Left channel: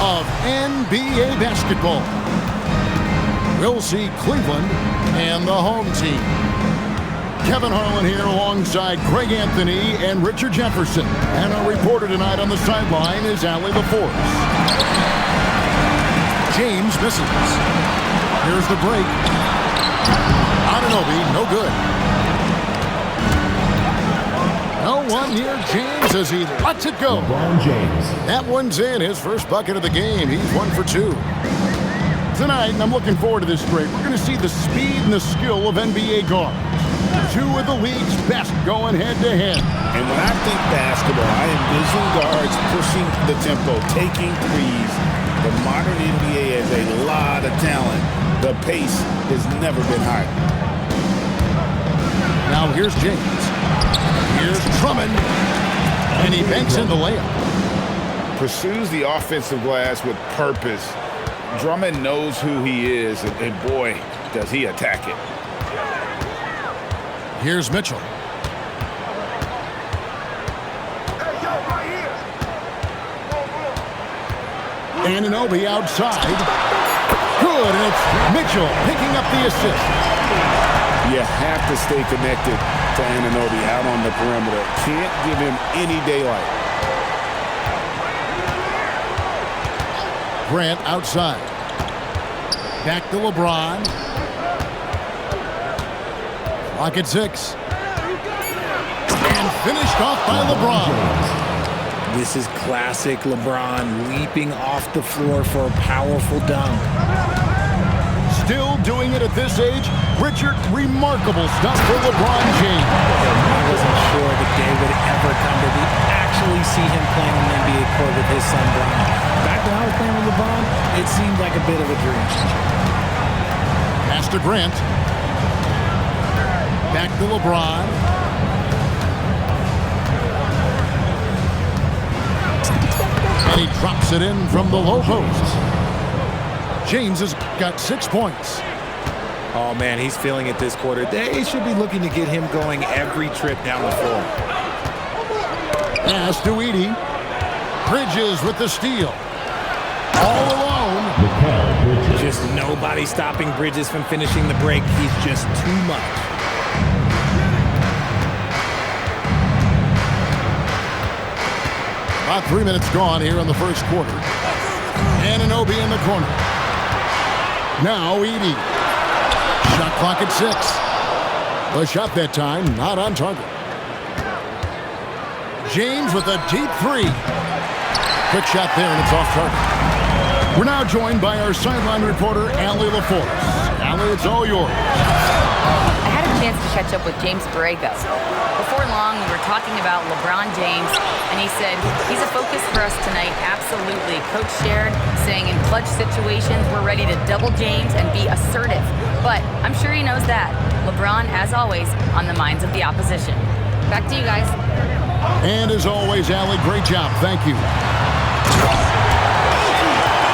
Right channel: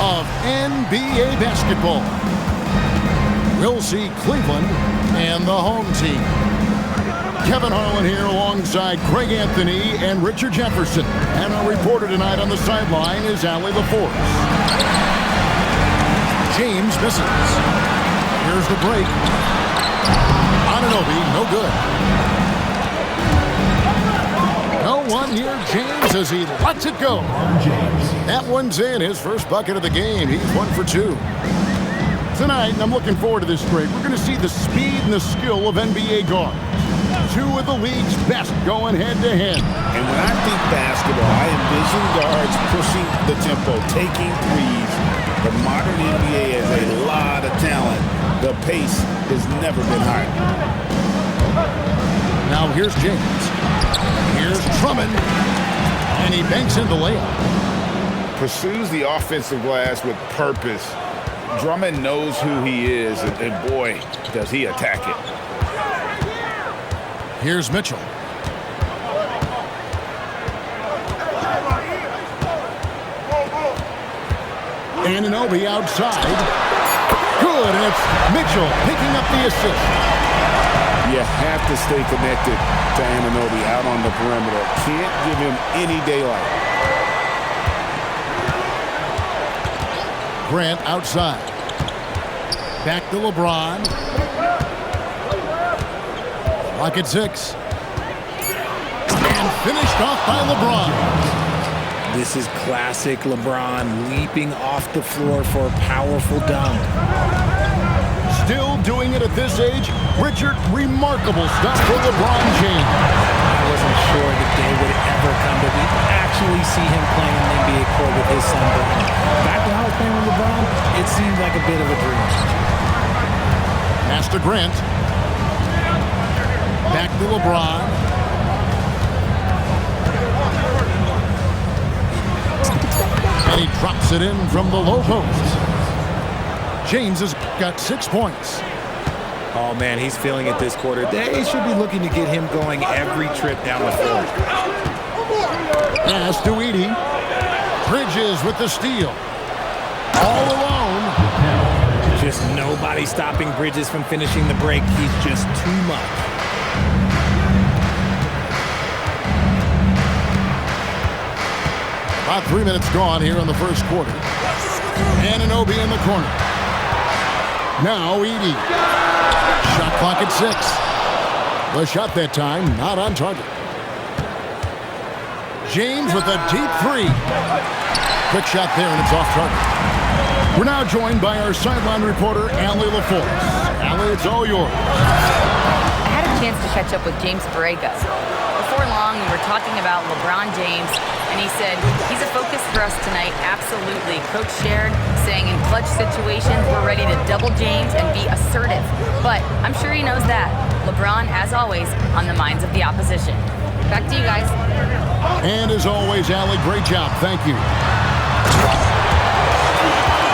of NBA basketball. We'll see Cleveland and the home team. Kevin Harlan here alongside Greg Anthony and Richard Jefferson. And our reporter tonight on the sideline is Allie LaForce. James misses. Here's the break. Anunoby, no good. No one near James as he lets it go. LeBron James. That one's in, his first bucket of the game. He's 1 for 2. Tonight, and I'm looking forward to this break, we're going to see the speed and the skill of NBA guards. 2 of the league's best going head-to-head. And when I think basketball, I envision guards pushing the tempo, taking threes. The modern NBA has a lot of talent. The pace has never been higher. Now here's James. Here's Drummond. And he banks in the layup. Pursues the offensive glass with purpose. Drummond knows who he is, and boy, does he attack it. Here's Mitchell. Anunoby outside. Good, and it's Mitchell picking up the assist. You have to stay connected to Anunoby out on the perimeter. Can't give him any daylight. Grant outside. Back to LeBron. Clock at 6. And finished off by LeBron. This is classic LeBron leaping off the floor for a powerful dunk. Still doing it at this age. Richard, remarkable stuff for LeBron James. I wasn't sure the day would ever come that we'd actually see him playing in an NBA court with his son Bron. Back when I was playing with LeBron, it seemed like a bit of a dream. Pass to Grant. Back to LeBron. And he drops it in from the low post. James has got 6 points. Oh, man, he's feeling it this quarter. They should be looking to get him going every trip down the floor. Pass to Edey. Bridges with the steal. All alone. Just nobody stopping Bridges from finishing the break. He's just too much. About 3 minutes gone here in the first quarter. Anunoby in the corner. Now Edey. Shot clock at 6. The shot that time not on target. James with a deep 3. Quick shot there and it's off target. We're now joined by our sideline reporter, Allie LaForce. Allie, it's all yours. I had a chance to catch up with James Borrego. Before long, we were talking about LeBron James, and he said, he's a focus for us tonight, absolutely. Coach shared, saying in clutch situations, we're ready to double James and be assertive. But I'm sure he knows that. LeBron, as always, on the minds of the opposition. Back to you guys. And as always, Allie, great job. Thank you.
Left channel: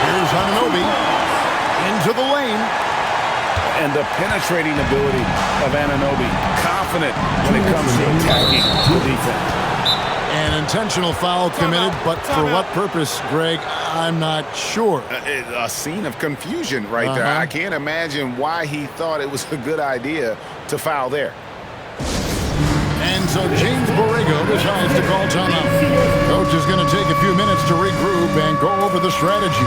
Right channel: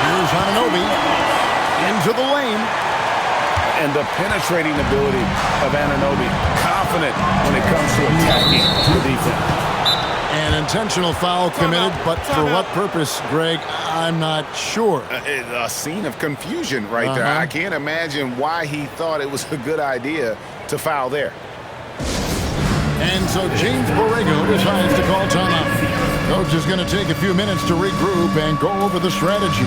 Here's Anunoby into the lane. And the penetrating ability of Anunoby. Confident when it comes to attacking the defense. An intentional foul committed, but for what purpose, Greg, I'm not sure. A scene of confusion right there. I can't imagine why he thought it was a good idea to foul there. And so James Borrego decides to call timeout. Coach is going to take a few minutes to regroup and go over the strategy.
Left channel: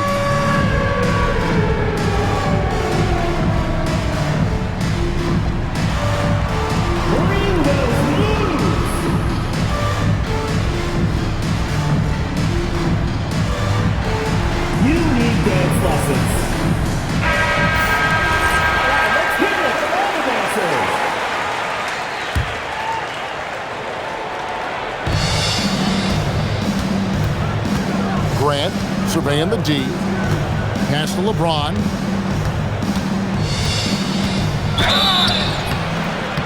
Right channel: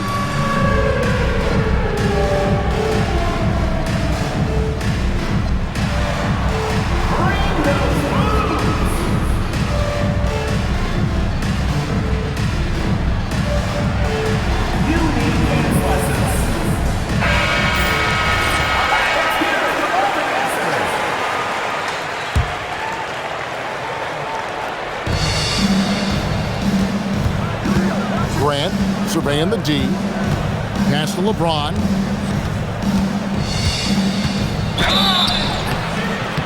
Grant surveying the D. Pass to LeBron.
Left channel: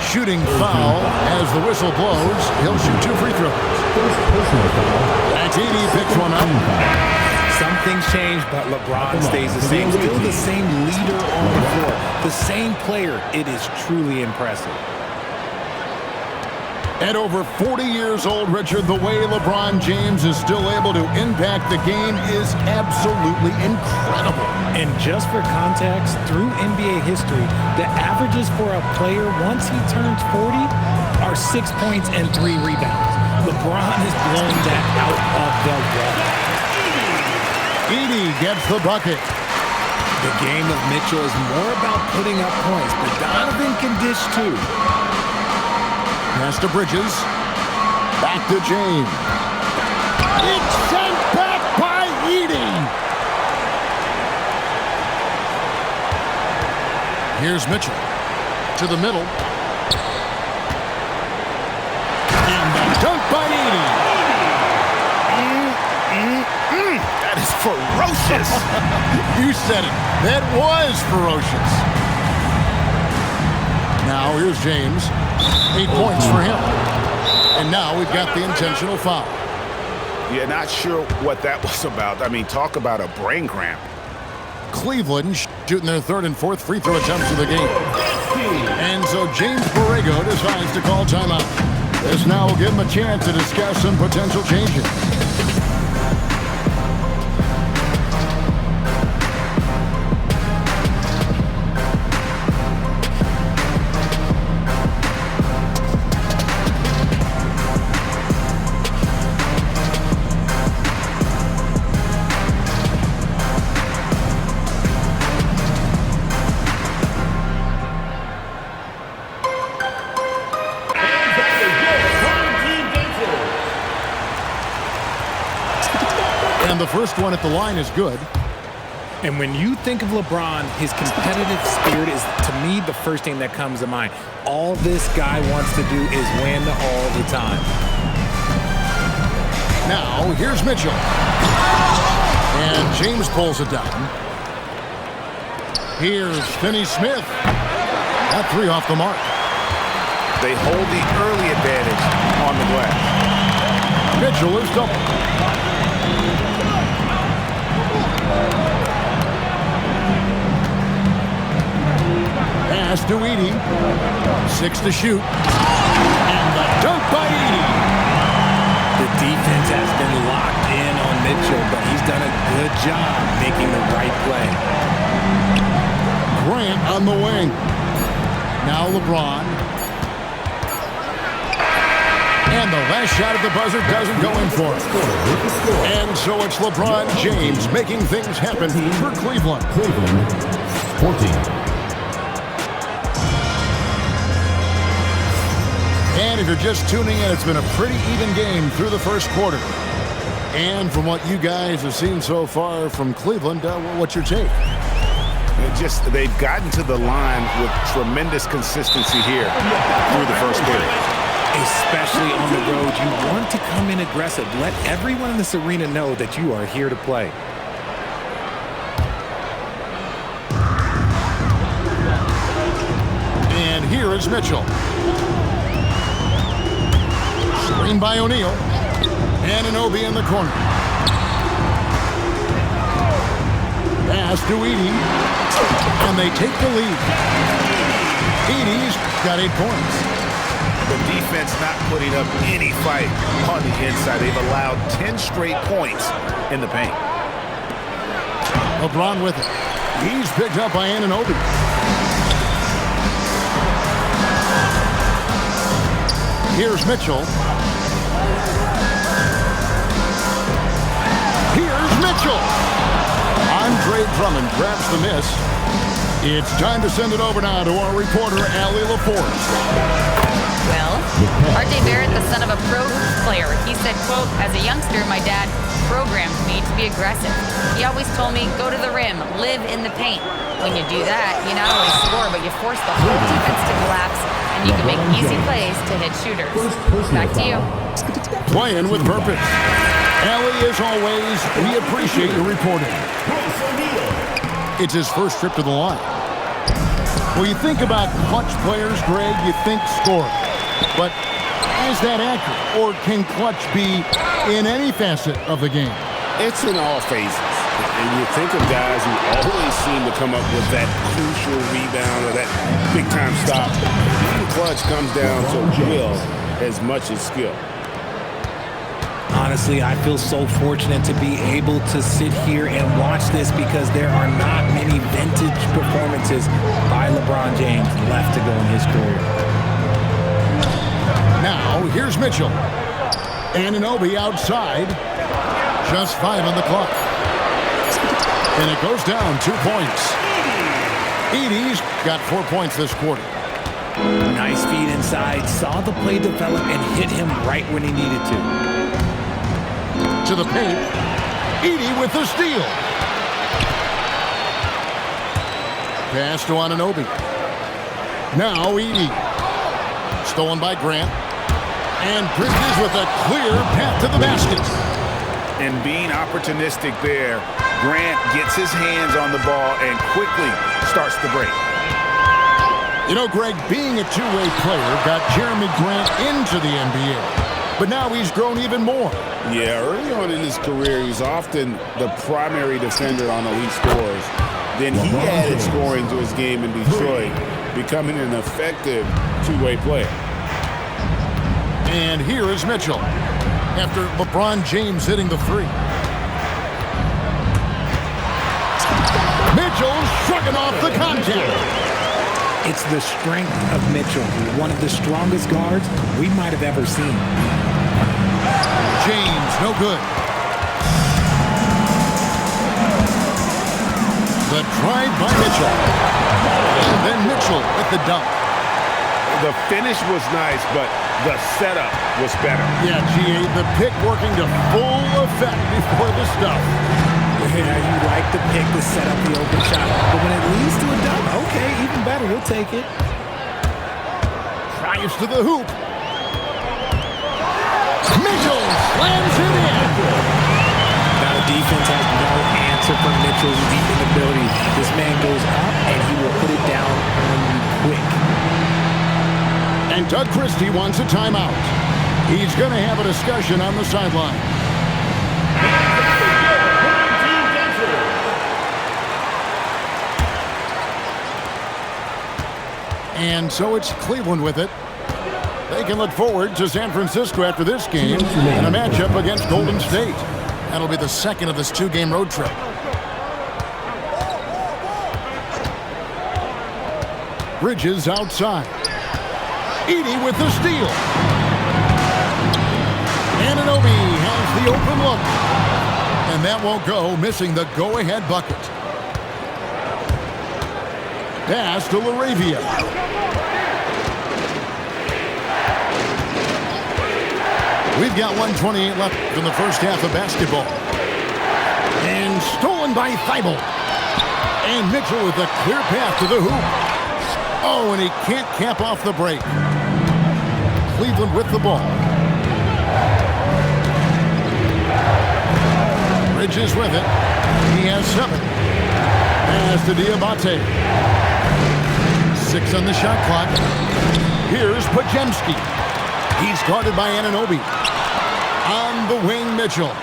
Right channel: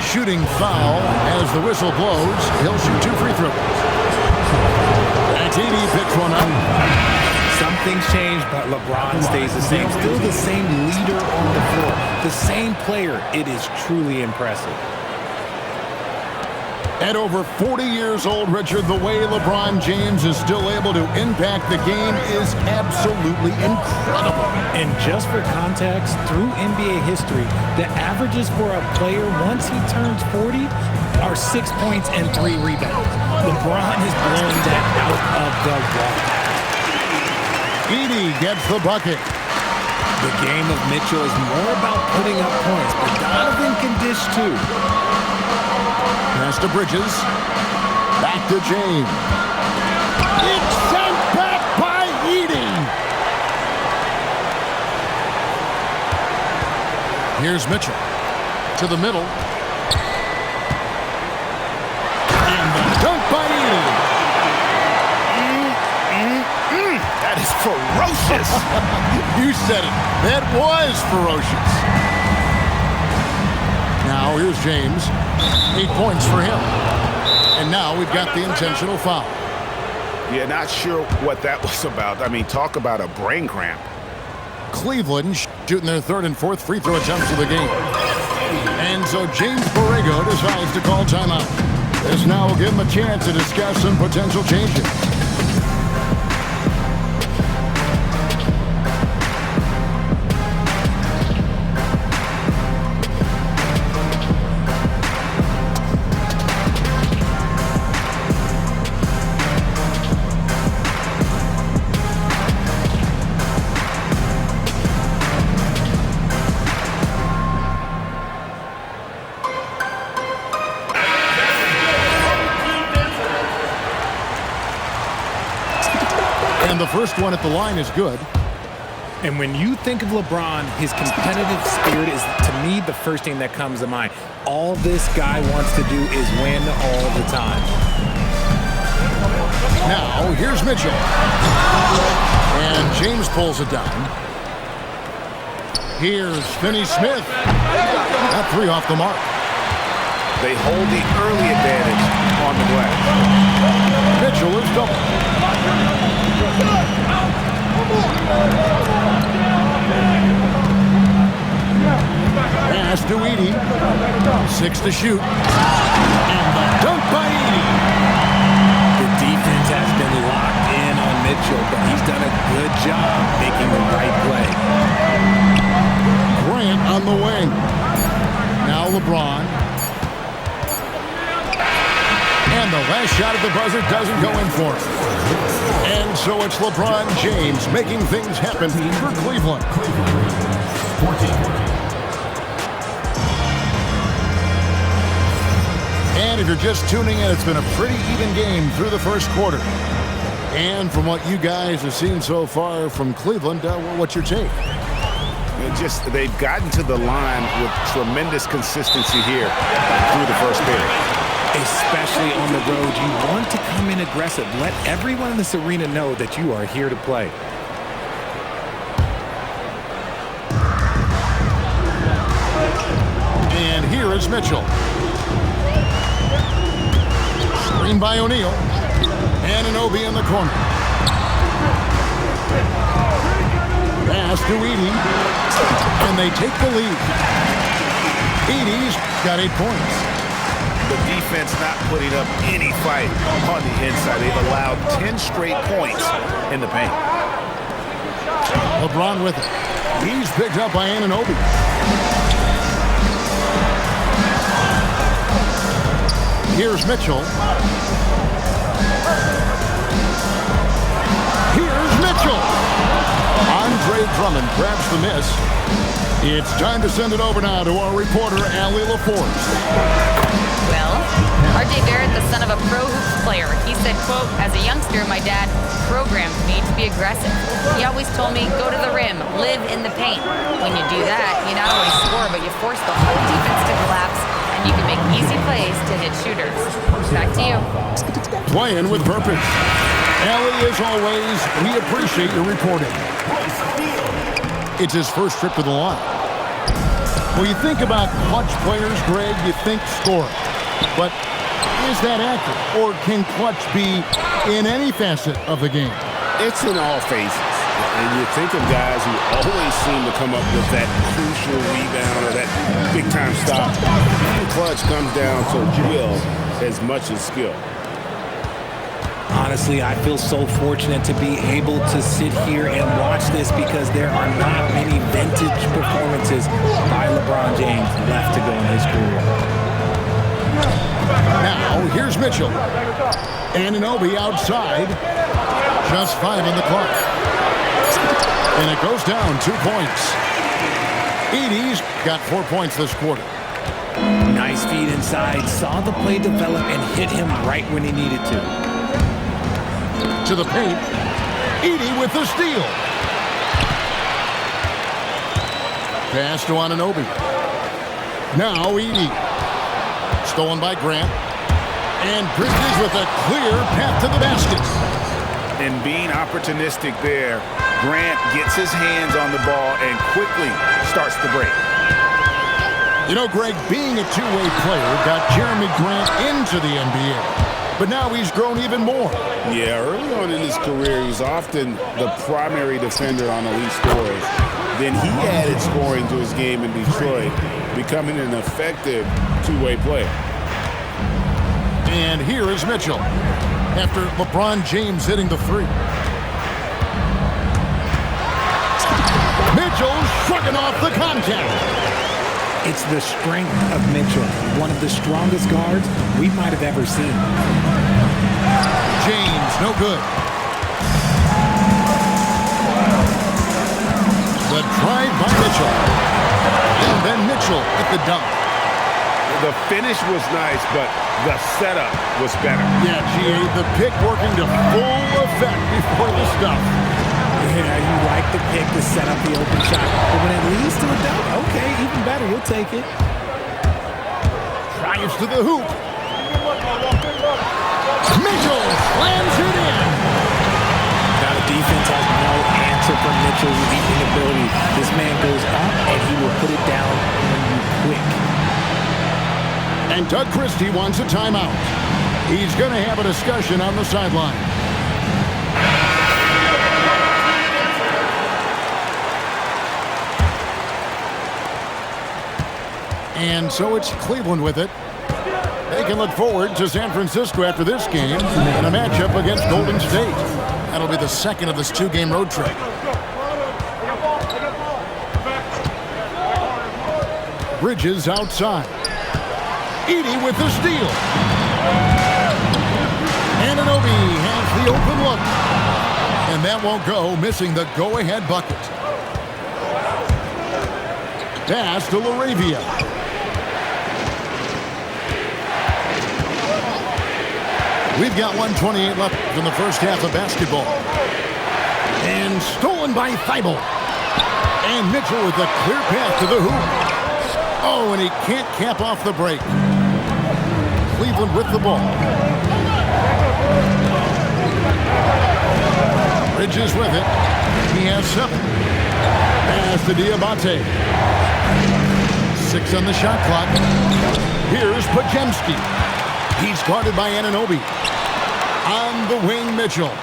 Shooting foul as the whistle blows. He'll shoot 2 free throws. And TD picks one up. Something's changed, but LeBron stays the same. Still the same leader on the floor. The same player. It is truly impressive. At over 40 years old, Richard, the way LeBron James is still able to impact the game is absolutely incredible. And just for context, through NBA history, the averages for a player once he turns 40 are 6 points and 3 rebounds. LeBron is blowing that out of the water. Edey gets the bucket. The game of Mitchell is more about putting up points, but Donovan can dish too. Pass to Bridges. Back to James. It's sent back by Edey. Here's Mitchell. To the middle. And the dunk by Edey. That is ferocious. You said it. That was ferocious. Now here's James. 8 points for him. And now we've got the intentional foul. Yeah, not sure what that was about. I mean, talk about a brain cramp. Cleveland shooting their third and fourth free throw attempts of the game. And so James Borrego decides to call timeout. This now will give him a chance to discuss some potential changes. And the first one at the line is good. And when you think of LeBron, his competitive spirit is, to me, the first thing that comes to mind. All this guy wants to do is win all the time. Now, here's Mitchell. And James pulls it down. Here's Finney-Smith. That three off the mark. They hold the early advantage on the glass. Mitchell is double. Pass to Edey. 6 to shoot. And the dunk by Edey. The defense has been locked in on Mitchell, but he's done a good job making the right play. Grant on the wing. Now LeBron. And the last shot at the buzzer doesn't go in for him. And so it's LeBron James making things happen for Cleveland. 14. And if you're just tuning in, it's been a pretty even game through the first quarter. And from what you guys have seen so far from Cleveland, what's your take? They've gotten to the line with tremendous consistency here through the first period. Especially on the road, you want to come in aggressive. Let everyone in this arena know that you are here to play. And here is Mitchell. Screen by O'Neal. Anunoby in the corner. Pass to Edey. And they take the lead. Edey's got 8 points. The defense not putting up any fight on the inside. They've allowed 10 straight points in the paint. LeBron with it. He's picked up by Anunoby. Here's Mitchell. Here's Mitchell. Andre Drummond grabs the miss. It's time to send it over now to our reporter, Allie LaForce. Well, R.J. Barrett, the son of a pro hoops player, he said, quote, as a youngster, my dad programmed me to be aggressive. He always told me, go to the rim, live in the paint. When you do that, you not only score, but you force the whole defense to collapse, and you can make easy plays to hit shooters. Back to you. Playing with purpose. Allie, as always, we appreciate your reporting. It's his first trip to the line. When you think about clutch players, Greg, you think scoring. But is that accurate? Or can clutch be in any facet of the game? It's in all phases. And you think of guys who always seem to come up with that crucial rebound or that big-time stop. Being clutch comes down to will as much as skill. Honestly, I feel so fortunate to be able to sit here and watch this because there are not many vintage performances by LeBron James left to go in his career. Now, here's Mitchell. Anunoby outside. Just 5 on the clock. And it goes down 2 points. Edey's got 4 points this quarter. Nice feed inside. Saw the play develop and hit him right when he needed to. To the paint. Edey with the steal. Pass to Anunoby. Now Edey. Stolen by Grant. And Bridges with a clear path to the basket. And being opportunistic there, Grant gets his hands on the ball and quickly starts the break. You know, Greg, being a two-way player got Jeremy Grant into the NBA. But now he's grown even more. Yeah, early on in his career, he's often the primary defender on elite scorers. Then he added scoring to his game in Detroit, becoming an effective two-way player. And here is Mitchell after LeBron James hitting the three. Mitchell shrugging off the contact. It's the strength of Mitchell, one of the strongest guards we might have ever seen. James, no good. The drive by Mitchell. And then Mitchell with the dunk. The finish was nice, but the setup was better. Yeah, G.A., the pick working to full effect before the stuff. Yeah, you like the pick to set up the open shot. But when it leads to a dunk, okay, even better, you'll take it. Drives to the hoop. Mitchell slams it in. Now the defense has no answer for Mitchell's leaping ability. This man goes up and he will put it down on you quick. And Doug Christie wants a timeout. He's going to have a discussion on the sideline. And so it's Cleveland with it. They can look forward to San Francisco after this game in a matchup against Golden State. That'll be the second of this two-game road trip. Bridges outside. Edey with the steal. Anunoby has the open look. And that won't go, missing the go-ahead bucket. Pass to LaRavia. We've got 1:28 left in the first half of basketball. And stolen by Thibault. And Mitchell with a clear path to the hoop. Oh, and he can't cap off the break. Cleveland with the ball. Bridges with it. He has 7. Pass to Diabate. 6 on the shot clock. Here's Podziemski. He's guarded by Anunoby. On the wing, Mitchell.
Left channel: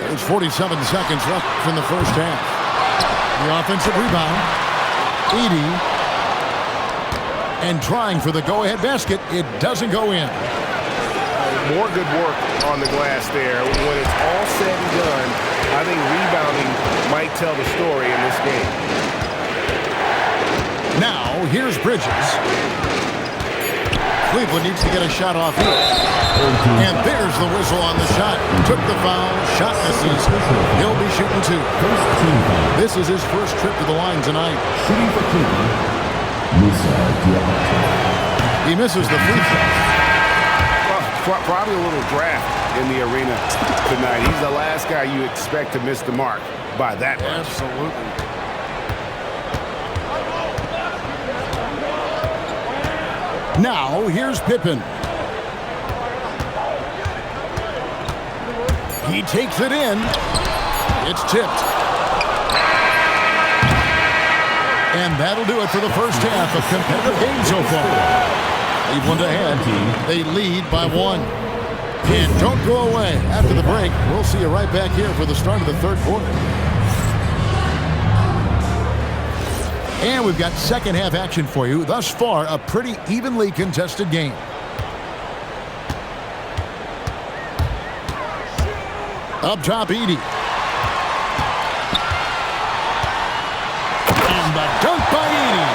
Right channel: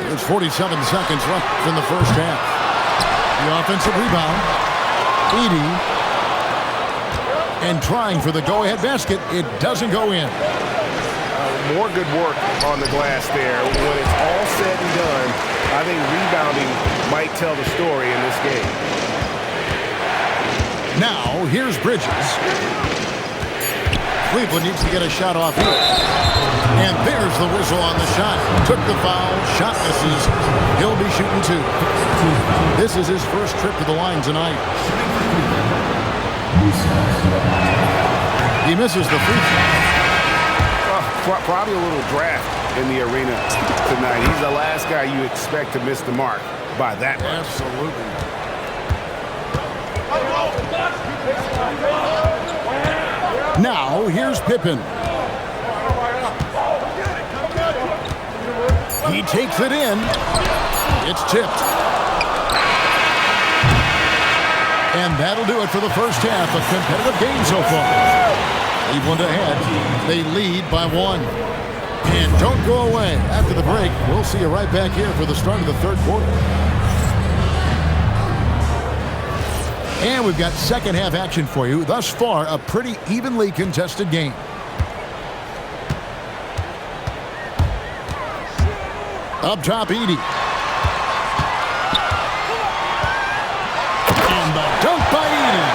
There's 47 seconds left in the first half. The offensive rebound. Edey. And trying for the go-ahead basket. It doesn't go in. More good work on the glass there. When it's all said and done, I think rebounding might tell the story in this game. Now, here's Bridges. Cleveland needs to get a shot off here. And there's the whistle on the shot. Took the foul. Shot misses. He'll be shooting 2. This is his first trip to the line tonight. Shooting for Cleveland, He misses the free throw. Well, probably a little draft in the arena tonight. He's the last guy you expect to miss the mark by that much. Absolutely. Now, here's Pippen. He takes it in. It's tipped. And that'll do it for the first half. A competitive game so far. Cleveland ahead. They lead by 1. And don't go away. After the break, we'll see you right back here for the start of the third quarter. And we've got second half action for you. Thus far, a pretty evenly contested game. Up top, Edey. And the dunk by Edey.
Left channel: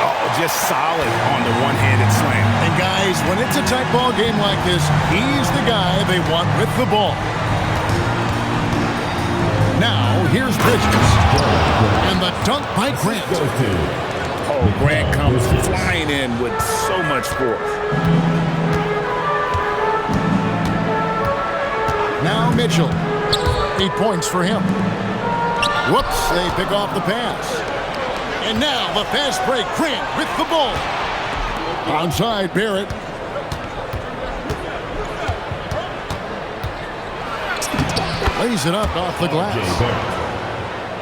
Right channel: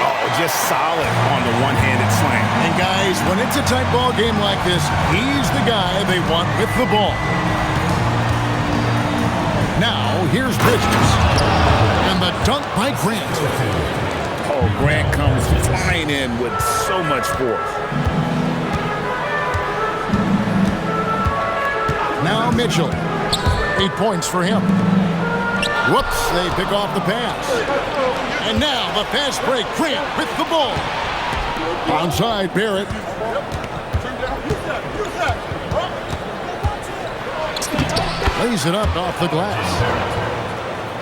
Oh, just solid on the one-handed slam. And guys, when it's a tight ball game like this, he's the guy they want with the ball. Now, here's Bridges. And the dunk by Grant. Oh, Grant comes flying in with so much force. Now Mitchell. 8 points for him. Whoops, they pick off the pass. And now the fast break. Grant with the ball. Onside, Barrett. Lays it up off the glass.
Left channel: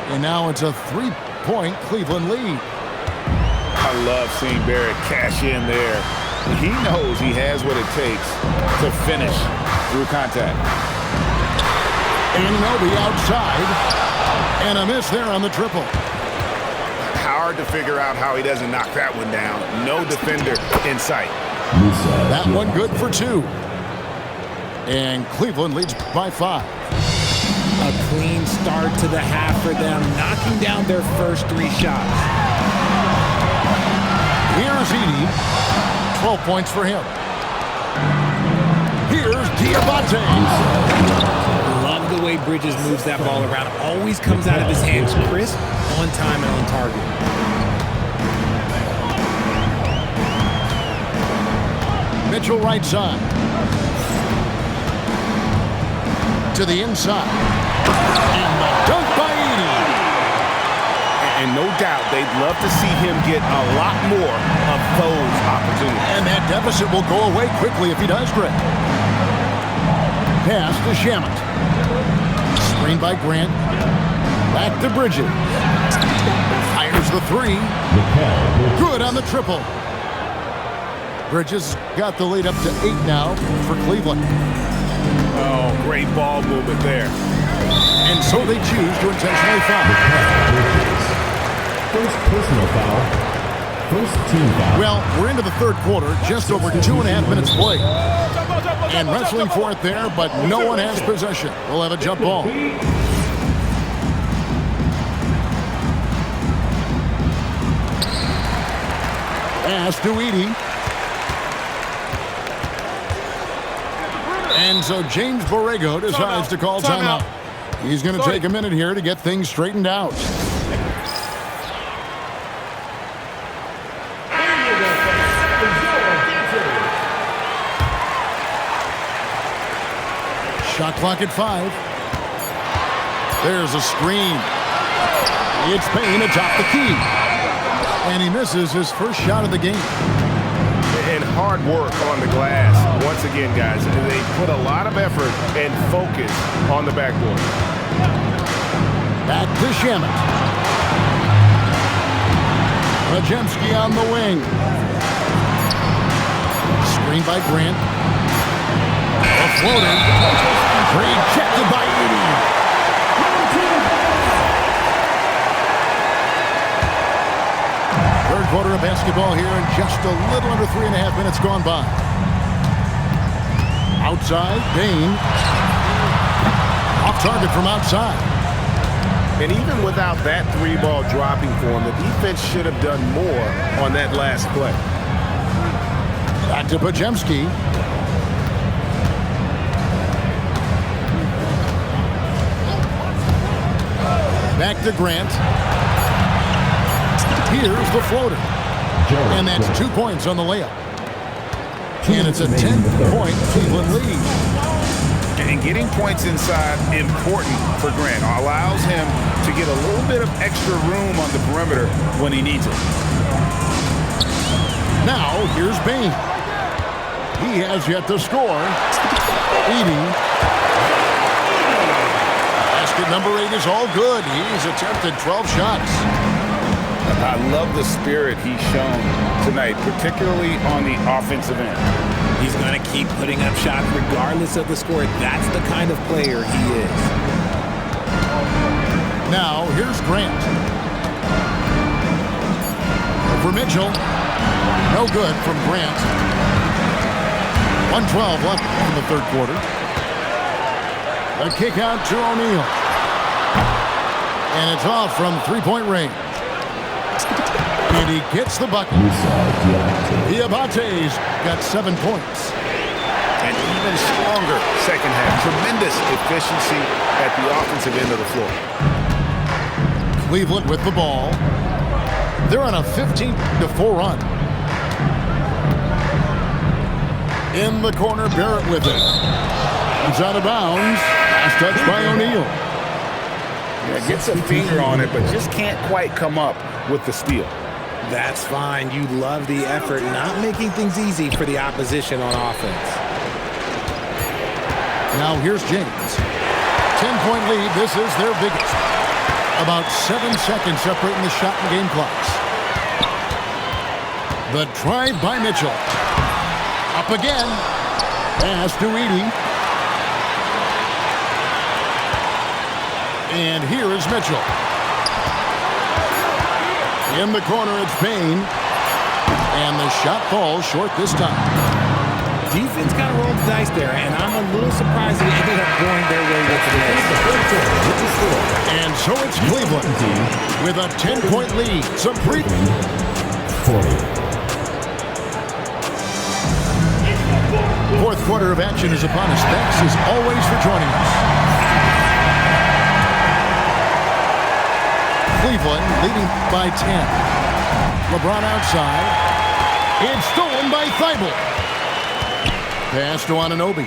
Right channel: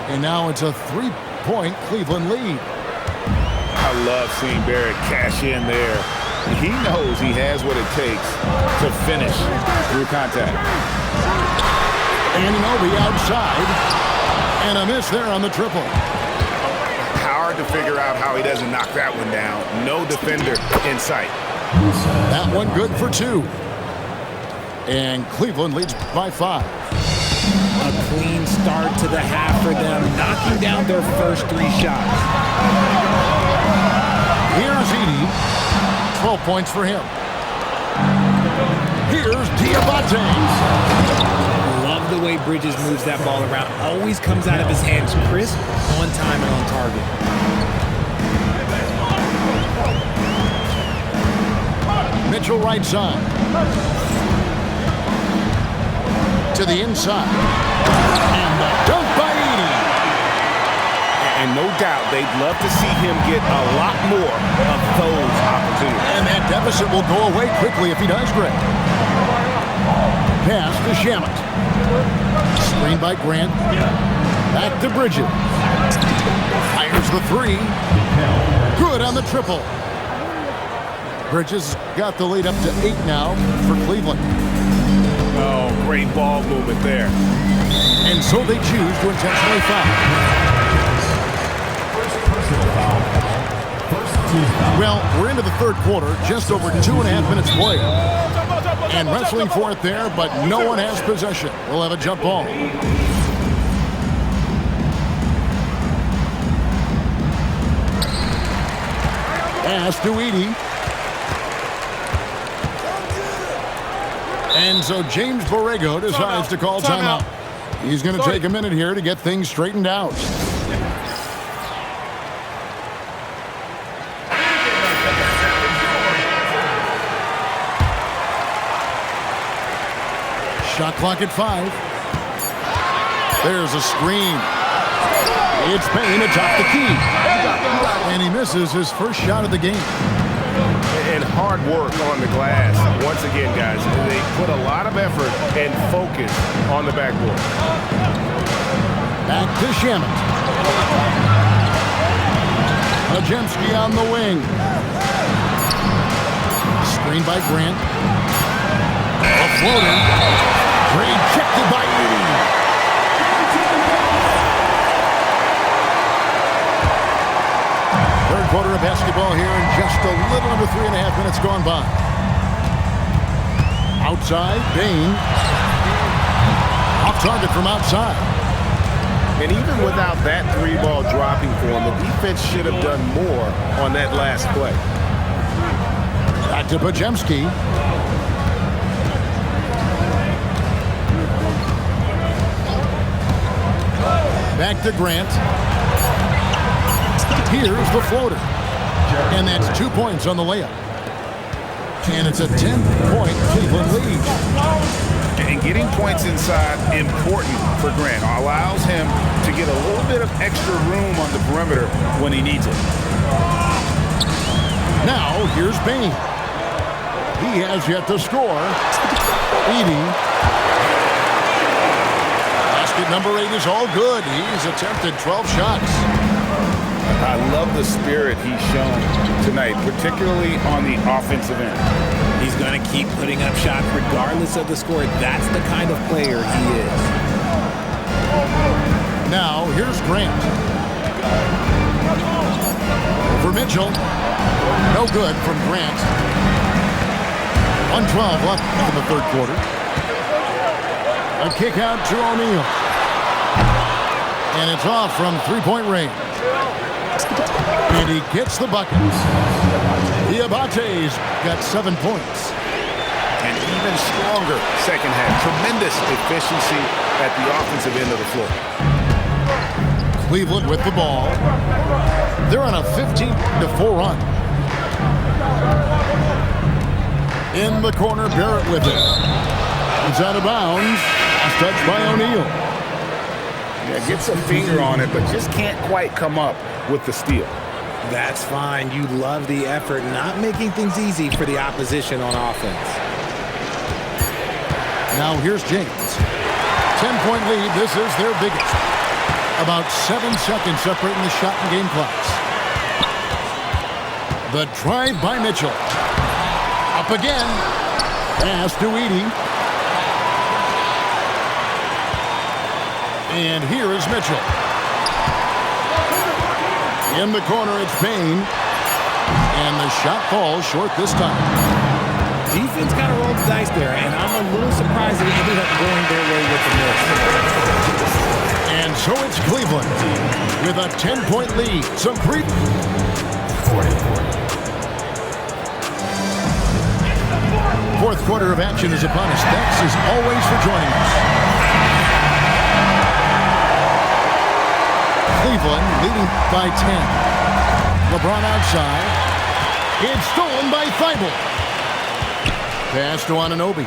And now it's a 3-point Cleveland lead. I love seeing Barrett cash in there. He knows he has what it takes to finish through contact. Anunoby outside. And a miss there on the triple. Hard to figure out how he doesn't knock that one down. No defender in sight. That one good for 2. And Cleveland leads by 5. A clean start to the half for them, knocking down their first 3 shots. Here's Edey. 12 points for him. Here's Diabate. Love the way Bridges moves that ball around. Always comes out of his hands crisp, on time, and on target. Mitchell right side. To the inside. And the dunk by Edey. And no doubt they'd love to see him get a lot more of those opportunities. And that deficit will go away quickly if he does, Greg. Pass to Shamet. Screen by Grant. Back to Bridges. Fires the 3. Good on the triple. Bridges got the lead up to 8 now for Cleveland. Oh, great ball movement there. And so they choose to intentionally foul. First personal foul. First team foul. Well, we're into the third quarter, just over 2.5 minutes played. And wrestling for it there, but no one has possession. We'll have a jump ball. Pass to Edey. And so James Borrego decides to call timeout. He's going to take a minute here to get things straightened out. Shot clock at 5. There's a screen. It's Payne atop the key. And he misses his first shot of the game. And hard work on the glass. Once again, guys, they put a lot of effort and focus on the backboard. Back to Shamet. Majemski on the wing. Screen by Grant. A floater. Rejected by Edey. Third quarter of basketball here, and just a little under 3.5 minutes gone by. Outside, Payne. Off target from outside. And even without that 3-ball dropping for him, the defense should have done more on that last play. Back to Majemski. Back to Grant. Here's the floater. And that's 2 points on the layup. And it's a 10-point Cleveland lead. And getting points inside, important for Grant. Allows him to get a little bit of extra room on the perimeter when he needs it. Now, here's Payne. He has yet to score. Edey. Basket number 8 is all good. He's attempted 12 shots. I love the spirit he's shown tonight, particularly on the offensive end. He's going to keep putting up shots regardless of the score. That's the kind of player he is. Now, here's Grant. Over Mitchell. No good from Grant. 1:12 left in the third quarter. A kick out to O'Neal. And it's off from three-point range. And he gets the bucket. Diabate's got 7 points. And even stronger second half. Tremendous efficiency at the offensive end of the floor. Cleveland with the ball. They're on a 15-4 run. In the corner, Barrett with it. He's out of bounds. Last touch by O'Neal. Yeah, gets a finger on it, but just can't quite come up with the steal. That's fine. You love the effort, not making things easy for the opposition on offense. Now here's James. 10-point lead. This is their biggest. About 7 seconds separating the shot and game clocks. The drive by Mitchell. Up again. Pass to Edey. And here is Mitchell. In the corner, it's Payne. And the shot falls short this time. Defense kind of rolled the dice there, and I'm a little surprised they ended up going their way with the miss. And so it's Cleveland with a 10-point lead. Some 40. Fourth quarter of action is upon us. Thanks as always for joining us. Cleveland leading by 10. LeBron outside. It's stolen by Thibault. Pass to Anunoby.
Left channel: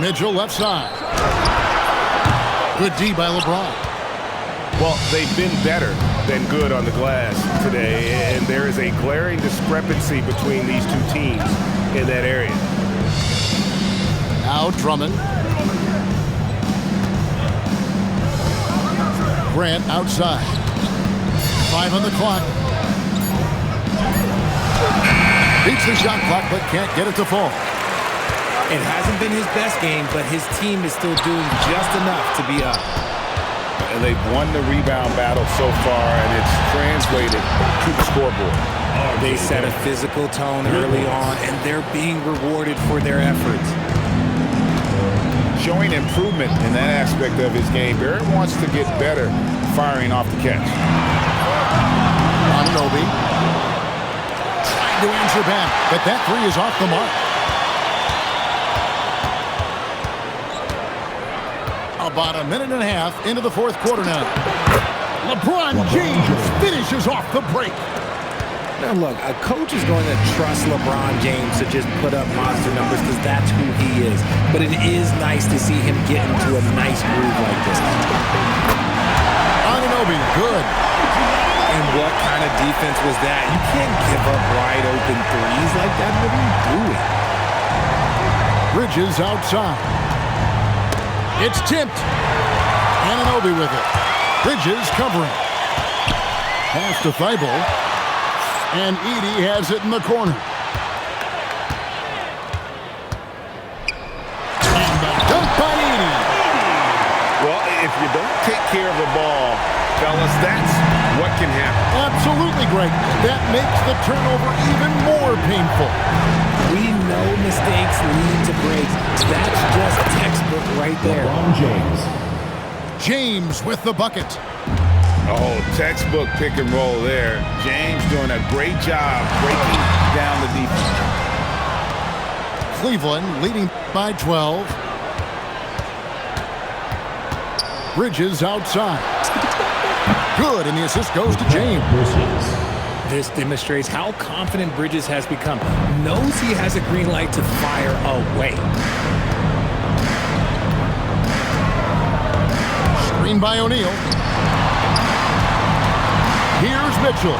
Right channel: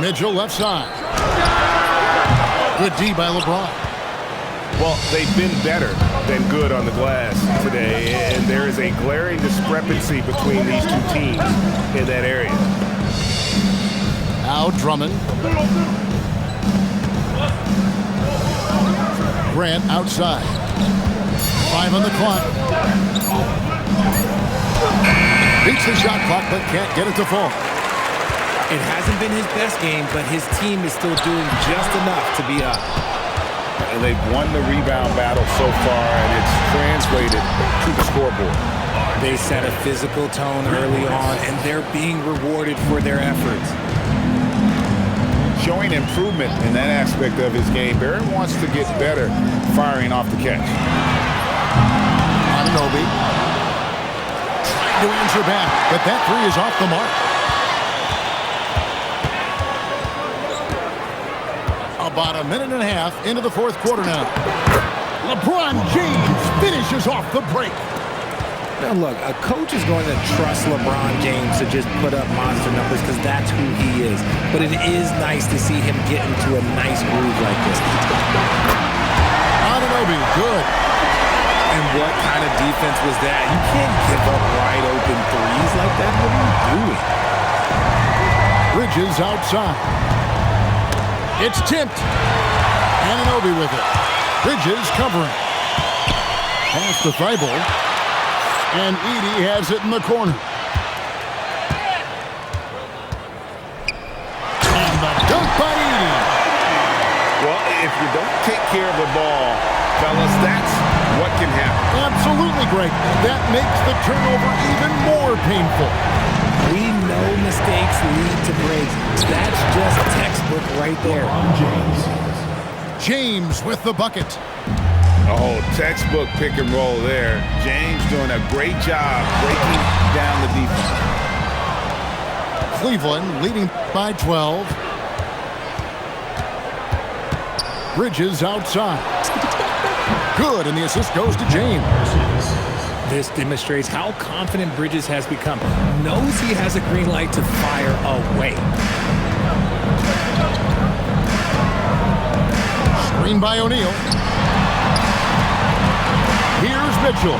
Mitchell left side. Good D by LeBron. Well, they've been better than good on the glass today, and there is a glaring discrepancy between these two teams in that area. Now Drummond. Grant outside. 5 on the clock. Beats the shot clock, but can't get it to fall. It hasn't been his best game, but his team is still doing just enough to be up. And they've won the rebound battle so far, and it's translated to the scoreboard. They set a physical tone early on, and they're being rewarded for their efforts. Showing improvement in that aspect of his game. Barrett wants to get better firing off the catch. Anunoby trying to answer back, but that three is off the mark. About a minute and a half into the fourth quarter now. LeBron James finishes off the break. Now look, a coach is going to trust LeBron James to just put up monster numbers because that's who he is. But it is nice to see him get into a nice groove like this. Anunoby, good. And what kind of defense was that? You can't give up wide open threes like that. What are you doing? Bridges outside. It's tipped. Anunoby with it. Bridges covering. Pass to Thibault. And Edey has it in the corner. And the dunk by Edey. Well, if you don't take care of the ball, fellas, that's what can happen. Absolutely, Greg. That makes the turnover even more painful. We know mistakes lead to breaks. That's just textbook right there. LeBron James. James with the bucket. Oh, textbook pick and roll there. James doing a great job breaking down the defense. Cleveland leading by 12. Bridges outside. Good, and the assist goes to James. This demonstrates how confident Bridges has become. Knows he has a green light to fire away. Screen by O'Neal. Here's Mitchell.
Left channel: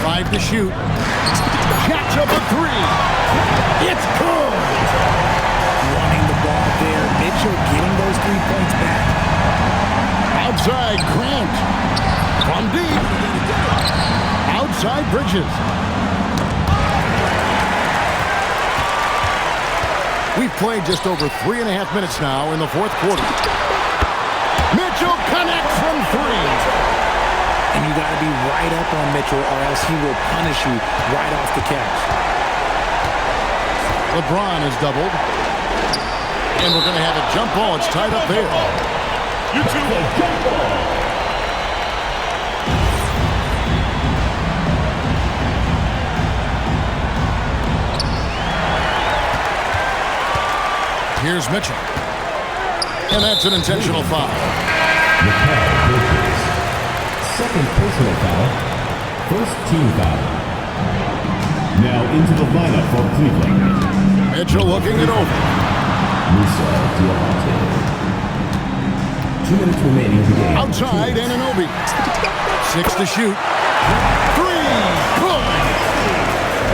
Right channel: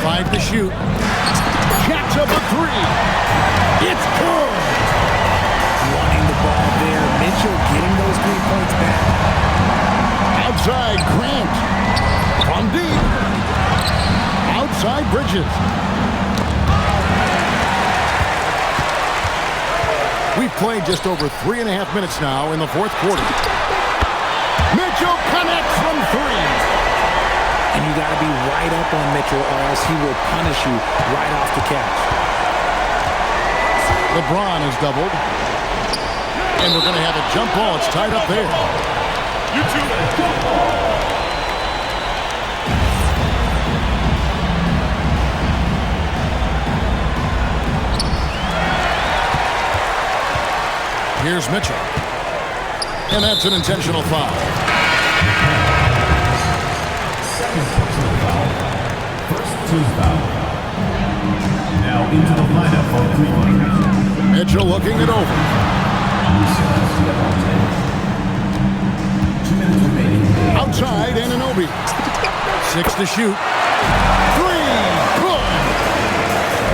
5 to shoot. Jacks up a 3. It's good. Wanting the ball there. Mitchell getting those 3 points back. Outside Grant. From deep. Outside Bridges. We've played just over 3.5 minutes now in the fourth quarter. Mitchell connects from 3. And you got to be right up on Mitchell or else he will punish you right off the catch. LeBron is doubled. And we're going to have a jump ball. It's tied up there. You two. Here's Mitchell. And that's an intentional foul. Second personal foul. First team foul. Now into the lineup for Cleveland. Mitchell looking it over. Musa Diabate. 2 minutes remaining in the game. Outside, Anunoby. 6 to shoot. 3. Good.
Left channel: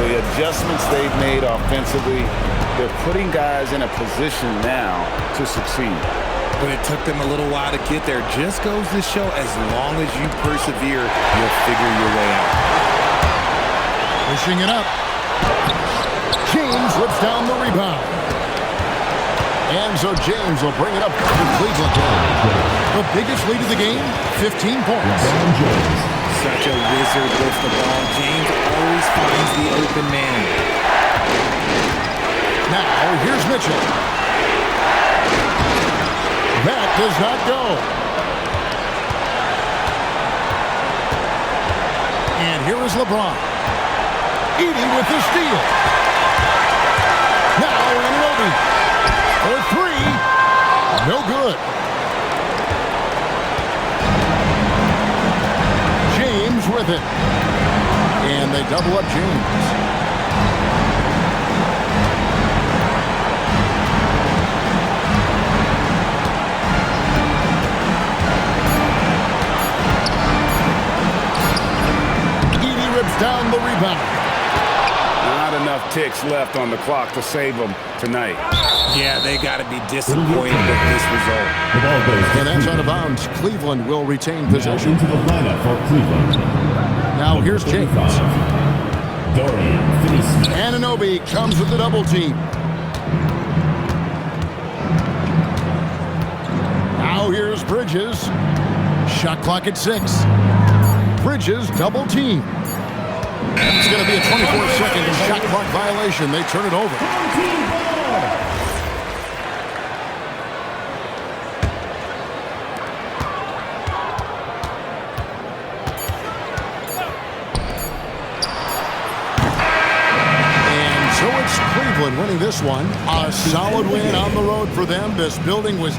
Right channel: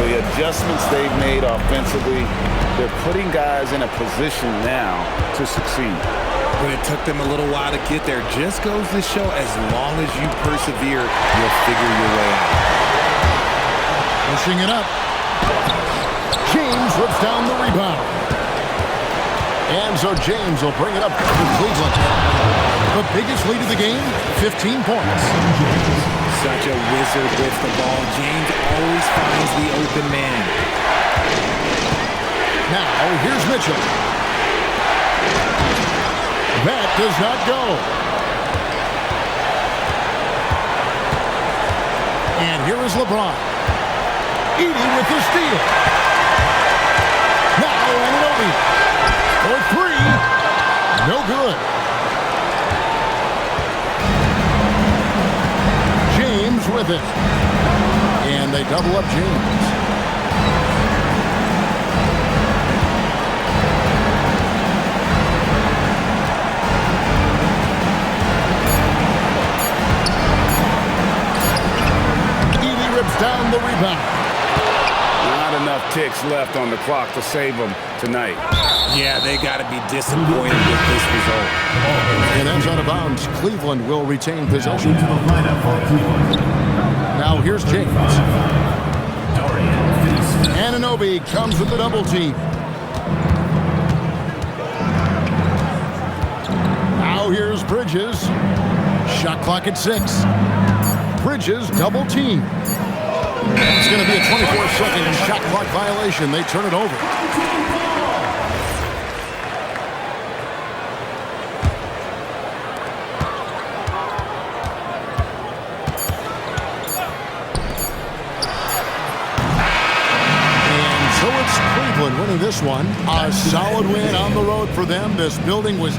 The adjustments they've made offensively, they're putting guys in a position now to succeed. But it took them a little while to get there. Just goes to show as long as you persevere, you'll figure your way out. Pushing it up. James rips down the rebound. And so James will bring it up to Cleveland. The biggest lead of the game, 15 points. Such a wizard with the ball. James always finds the open man. Now, here's Mitchell. That does not go. And here is LeBron. Edey with the steal. Now Anunoby for 3. No good. James with it. And they double up James. Rips down the rebound. Not enough ticks left on the clock to save them tonight. Yeah, they got to be disappointed with this result. And that's out of bounds. Cleveland will retain possession. Into the lineup for Cleveland. Now here's James. Dorian Finney-Smith. Anunoby comes with the double team. Now here's Bridges. Shot clock at 6. Bridges double team. It's going to be a 24-second shot clock violation. They turn it over. And so it's Cleveland winning this one. A solid win on the road for them. This building was